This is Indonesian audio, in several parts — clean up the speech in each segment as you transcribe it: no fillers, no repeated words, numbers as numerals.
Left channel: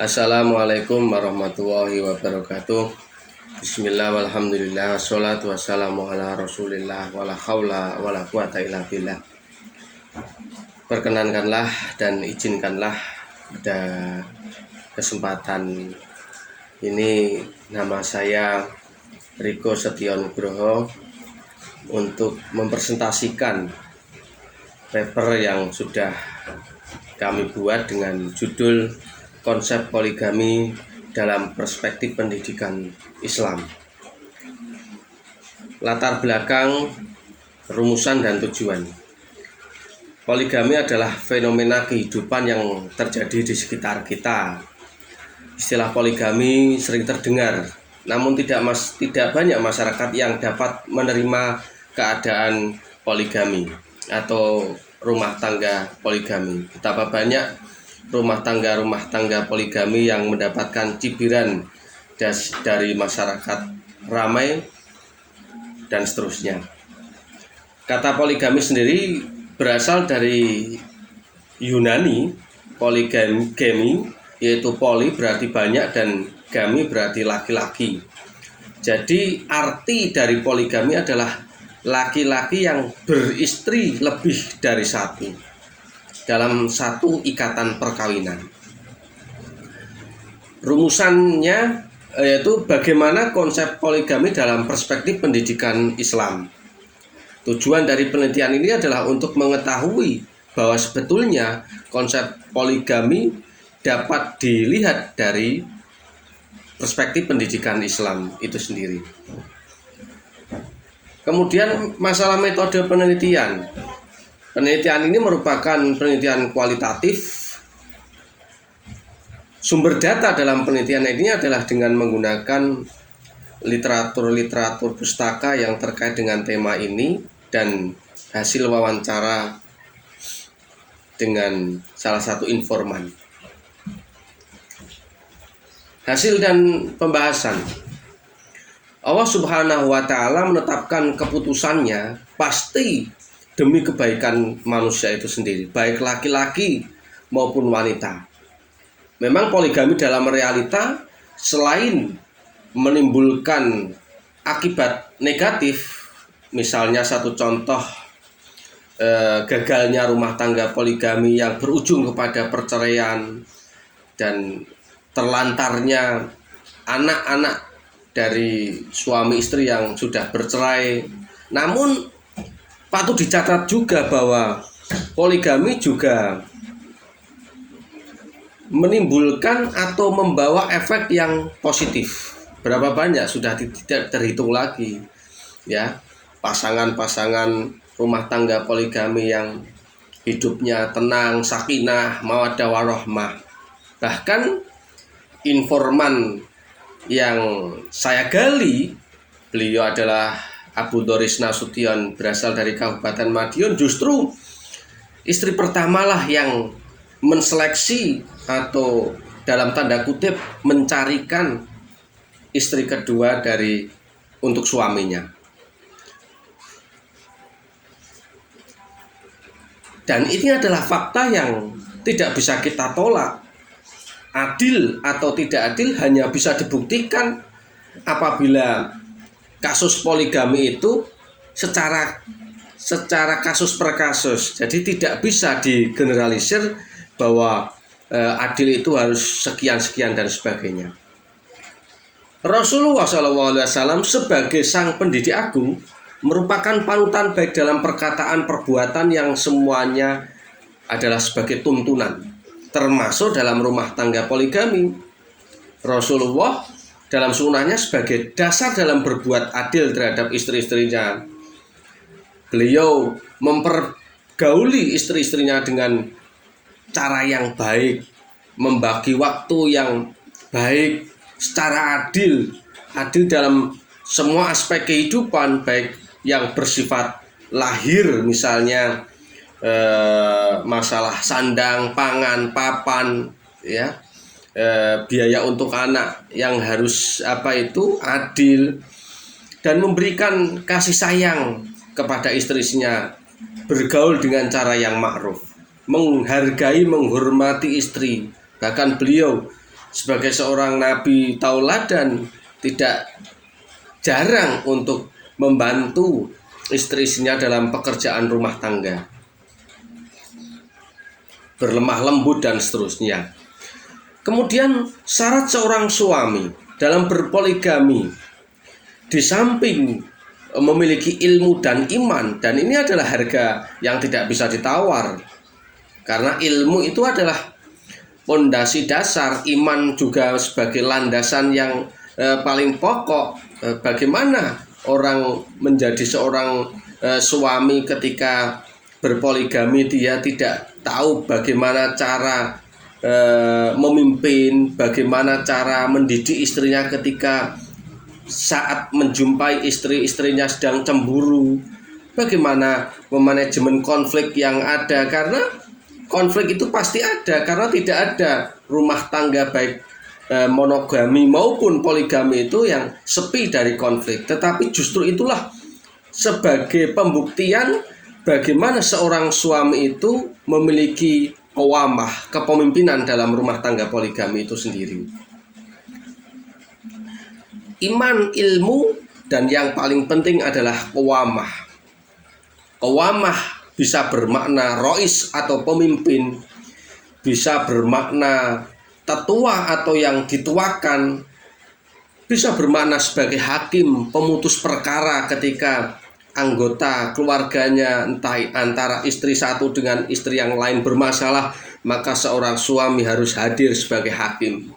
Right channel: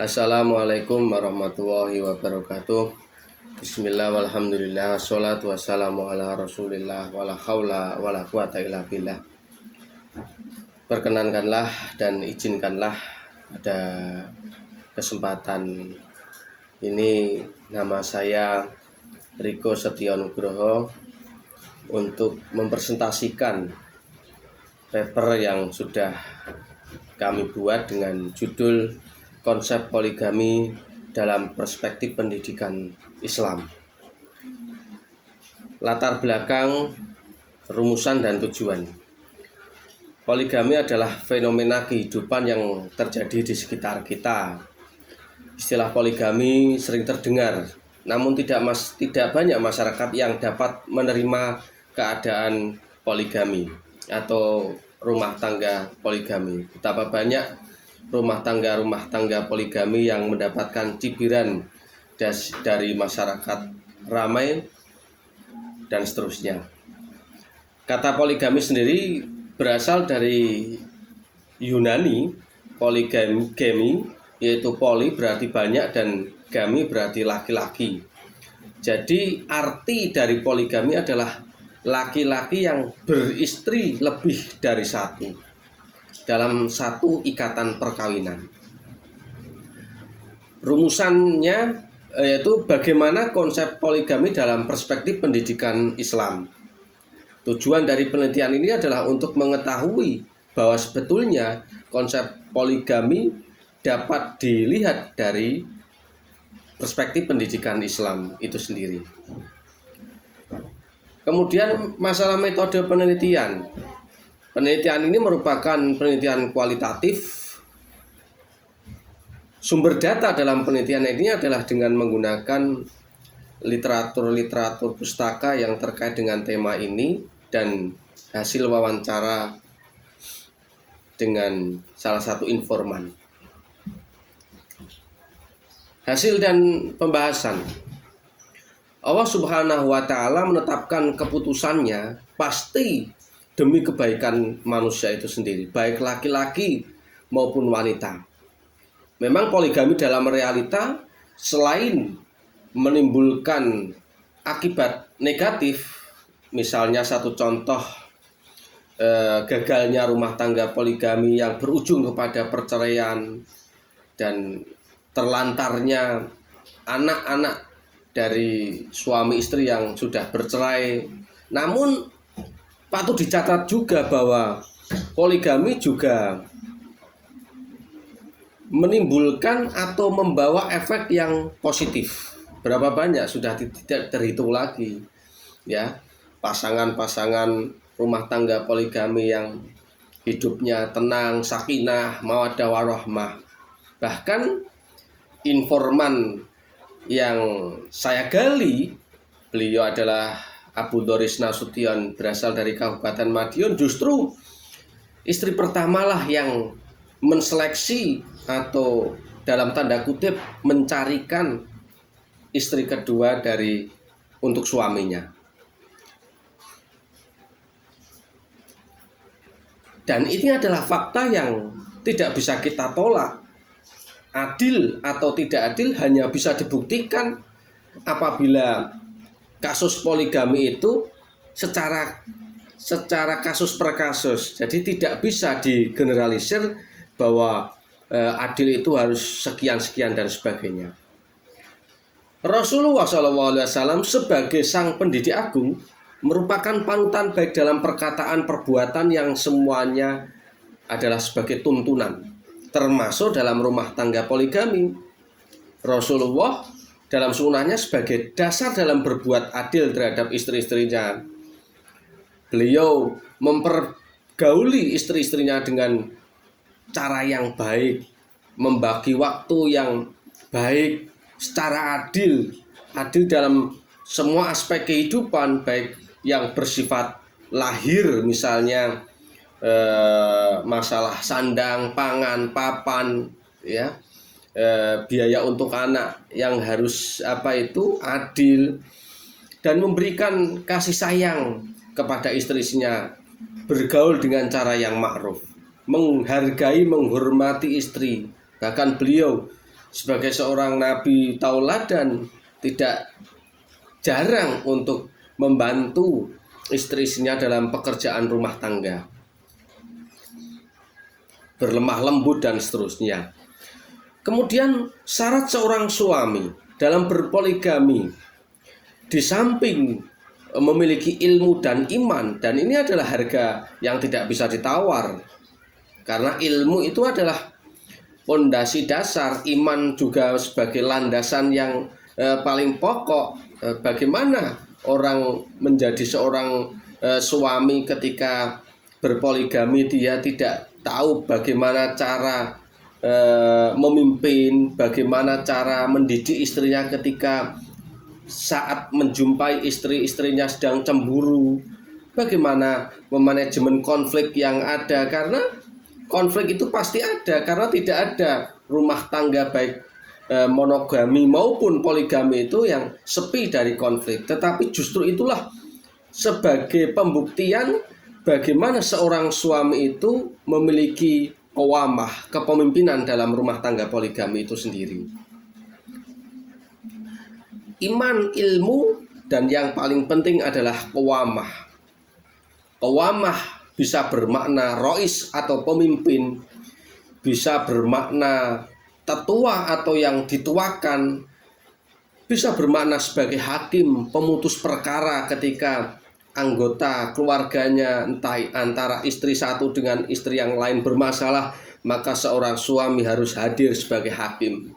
Assalamualaikum warahmatullahi wabarakatuh. Bismillah walhamdulillah wassalatu wassalamu ala rasulillah wala haula wala quwata illa billah. Perkenankanlah dan izinkanlah pada kesempatan ini nama saya Riko Setionugroho untuk mempresentasikan paper yang sudah kami buat dengan judul Konsep Poligami dalam Perspektif Pendidikan Islam. Latar belakang, rumusan dan tujuan. Poligami adalah fenomena kehidupan yang terjadi di sekitar kita. Istilah poligami sering terdengar, namun tidak banyak masyarakat yang dapat menerima keadaan poligami atau rumah tangga poligami. Betapa banyak rumah tangga poligami yang mendapatkan cibiran dari masyarakat ramai dan seterusnya. Kata poligami sendiri berasal dari Yunani. Poligami yaitu poli berarti banyak dan gami berarti laki-laki. Jadi arti dari poligami adalah laki-laki yang beristri lebih dari satu dalam satu ikatan perkawinan. Rumusannya yaitu bagaimana konsep poligami dalam perspektif pendidikan Islam. Tujuan dari penelitian ini adalah untuk mengetahui bahwa sebetulnya konsep poligami dapat dilihat dari perspektif pendidikan Islam itu sendiri. Kemudian masalah metode penelitian. Penelitian ini merupakan penelitian kualitatif. Sumber data dalam penelitian ini adalah dengan menggunakan literatur pustaka yang terkait dengan tema ini dan hasil wawancara dengan salah satu informan. Hasil dan pembahasan. Allah Subhanahu wa Ta'ala menetapkan keputusannya pasti demi kebaikan manusia itu sendiri, baik laki-laki maupun wanita. Memang poligami dalam realita selain menimbulkan akibat negatif, misalnya satu contoh gagalnya rumah tangga poligami yang berujung kepada perceraian dan terlantarnya anak-anak dari suami istri yang sudah bercerai. Namun patut dicatat juga bahwa poligami juga menimbulkan atau membawa efek yang positif. Berapa banyak sudah tidak terhitung lagi, ya, pasangan-pasangan rumah tangga poligami yang hidupnya tenang, sakinah, mawaddah warahmah. Bahkan informan yang saya gali, beliau adalah Abu Doris Nasution, berasal dari Kabupaten Madiun. Justru istri pertamalah yang menseleksi atau dalam tanda kutip mencarikan istri kedua untuk suaminya. Dan ini adalah fakta yang tidak bisa kita tolak. Adil atau tidak adil hanya bisa dibuktikan apabila kasus poligami itu secara kasus per kasus. Jadi tidak bisa digeneralisir bahwa adil itu harus sekian-sekian dan sebagainya. Rasulullah SAW sebagai sang pendidik agung merupakan panutan baik dalam perkataan perbuatan yang semuanya adalah sebagai tuntunan, termasuk dalam rumah tangga poligami. Rasulullah dalam sunnahnya sebagai dasar dalam berbuat adil terhadap istri-istrinya. Beliau mempergauli istri-istrinya dengan cara yang baik, membagi waktu yang baik, secara adil dalam semua aspek kehidupan, baik yang bersifat lahir, misalnya masalah sandang, pangan, papan, ya, biaya untuk anak yang harus adil, dan memberikan kasih sayang kepada istrinya, bergaul dengan cara yang ma'ruf, menghargai, menghormati istri, Bahkan beliau sebagai seorang nabi tauladan tidak jarang untuk membantu istri-istrinya dalam pekerjaan rumah tangga, berlemah lembut dan seterusnya. Kemudian syarat seorang suami dalam berpoligami, di samping memiliki ilmu dan iman, dan ini adalah harga yang tidak bisa ditawar, karena ilmu itu adalah pondasi dasar, iman juga sebagai landasan yang paling pokok. Bagaimana orang menjadi seorang suami ketika berpoligami, dia tidak tahu bagaimana cara memimpin, bagaimana cara mendidik istrinya ketika saat menjumpai istri-istrinya sedang cemburu, bagaimana memanajemen konflik yang ada, karena konflik itu pasti ada, karena tidak ada rumah tangga baik monogami maupun poligami itu yang sepi dari konflik. Tetapi justru itulah sebagai pembuktian bagaimana seorang suami itu memiliki qawamah, kepemimpinan dalam rumah tangga poligami itu sendiri. Iman, ilmu, dan yang paling penting adalah qawamah. Qawamah bisa bermakna rois atau pemimpin, bisa bermakna tetua atau yang dituakan, bisa bermakna sebagai hakim, pemutus perkara ketika anggota keluarganya, entah antara istri satu dengan istri yang lain bermasalah, maka seorang suami harus hadir sebagai hakim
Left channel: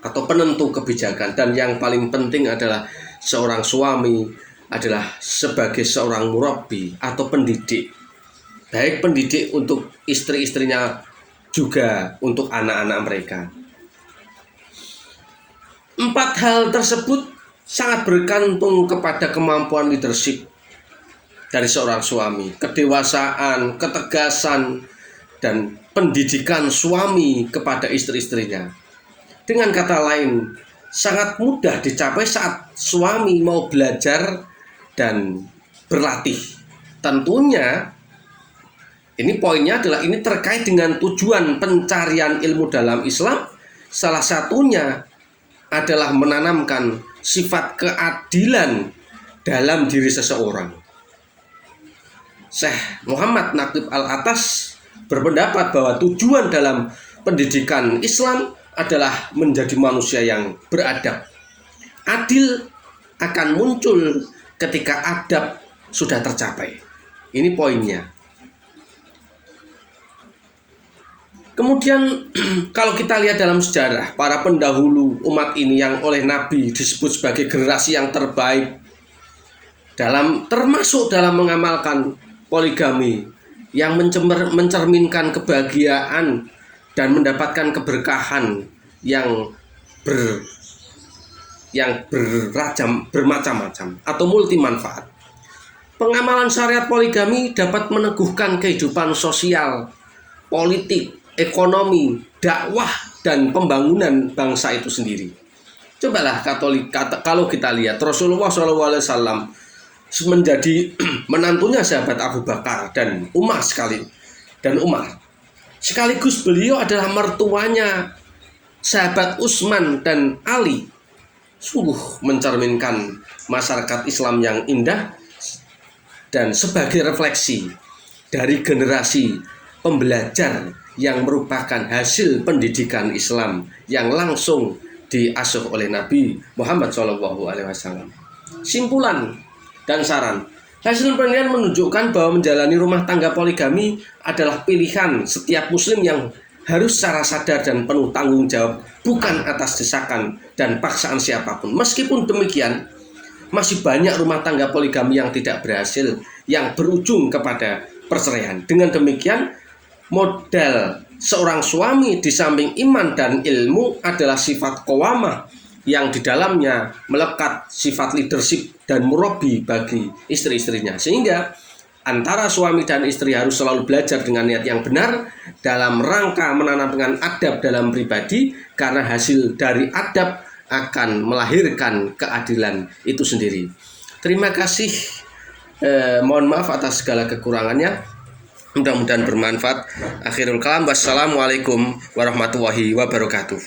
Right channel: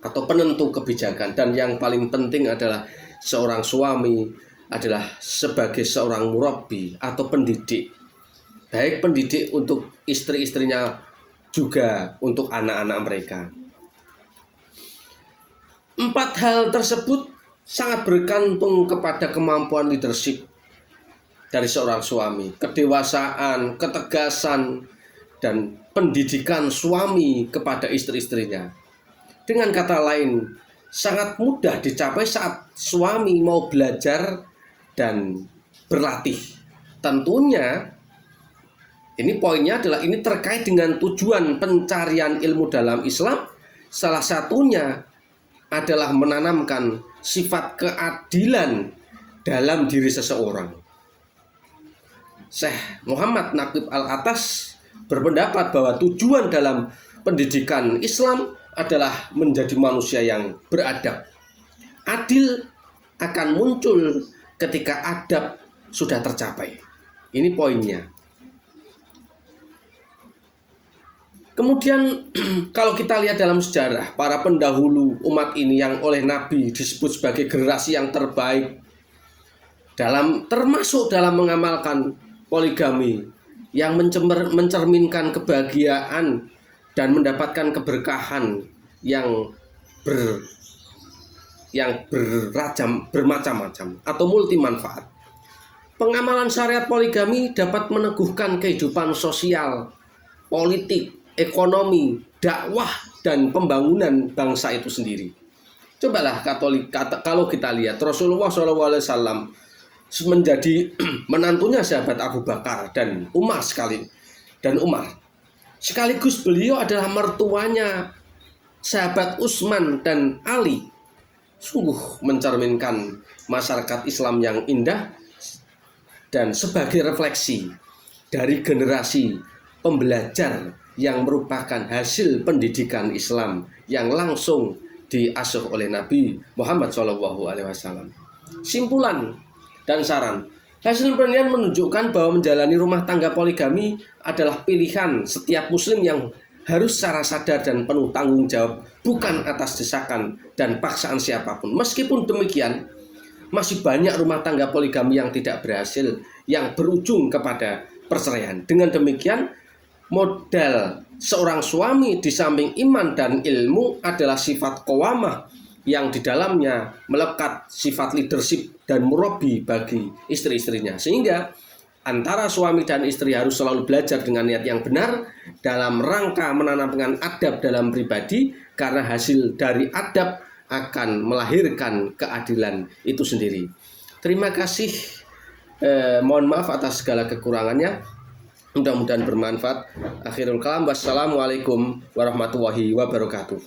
atau penentu kebijakan. Dan yang paling penting adalah seorang suami adalah sebagai seorang murabbi atau pendidik, baik pendidik untuk istri-istrinya juga untuk anak-anak mereka. 4 hal tersebut sangat bergantung kepada kemampuan leadership dari seorang suami, kedewasaan, ketegasan, dan pendidikan suami kepada istri-istrinya. Dengan kata lain, sangat mudah dicapai saat suami mau belajar dan berlatih. Tentunya ini poinnya adalah ini terkait dengan tujuan pencarian ilmu dalam Islam. Salah satunya adalah menanamkan sifat keadilan dalam diri seseorang. Syekh Muhammad Naqib Al-Atas berpendapat bahwa tujuan dalam pendidikan Islam adalah menjadi manusia yang beradab. Adil akan muncul ketika adab sudah tercapai. Ini poinnya. Kemudian kalau kita lihat dalam sejarah, para pendahulu umat ini yang oleh Nabi disebut sebagai generasi yang terbaik termasuk dalam mengamalkan poligami, yang mencerminkan kebahagiaan dan mendapatkan keberkahan yang bermacam-macam atau multi manfaat. Pengamalan syariat poligami dapat meneguhkan kehidupan sosial, politik, ekonomi, dakwah, dan pembangunan bangsa itu sendiri. Cobalah kalau kita lihat Rasulullah SAW menjadi menantunya sahabat Abu Bakar dan Umar sekaligus beliau adalah mertuanya sahabat Utsman dan Ali. Sungguh mencerminkan masyarakat Islam yang indah dan sebagai refleksi dari generasi pembelajar yang merupakan hasil pendidikan Islam yang langsung diasuh oleh Nabi Muhammad SAW. Simpulan dan saran, hasil penelitian menunjukkan bahwa menjalani rumah tangga poligami adalah pilihan setiap muslim yang harus secara sadar dan penuh tanggung jawab, bukan atas desakan dan paksaan siapapun. Meskipun demikian, masih banyak rumah tangga poligami yang tidak berhasil, yang berujung kepada perceraian. Dengan demikian, modal seorang suami di samping iman dan ilmu adalah sifat qawamah yang di dalamnya melekat sifat leadership dan murabbi bagi istri-istrinya. Sehingga antara suami dan istri harus selalu belajar dengan niat yang benar dalam rangka menanamkan adab dalam pribadi, karena hasil dari adab akan melahirkan keadilan itu sendiri. Terima kasih. Mohon maaf atas segala kekurangannya. Mudah-mudahan bermanfaat. Akhirul kalam, wassalamualaikum warahmatullahi wabarakatuh.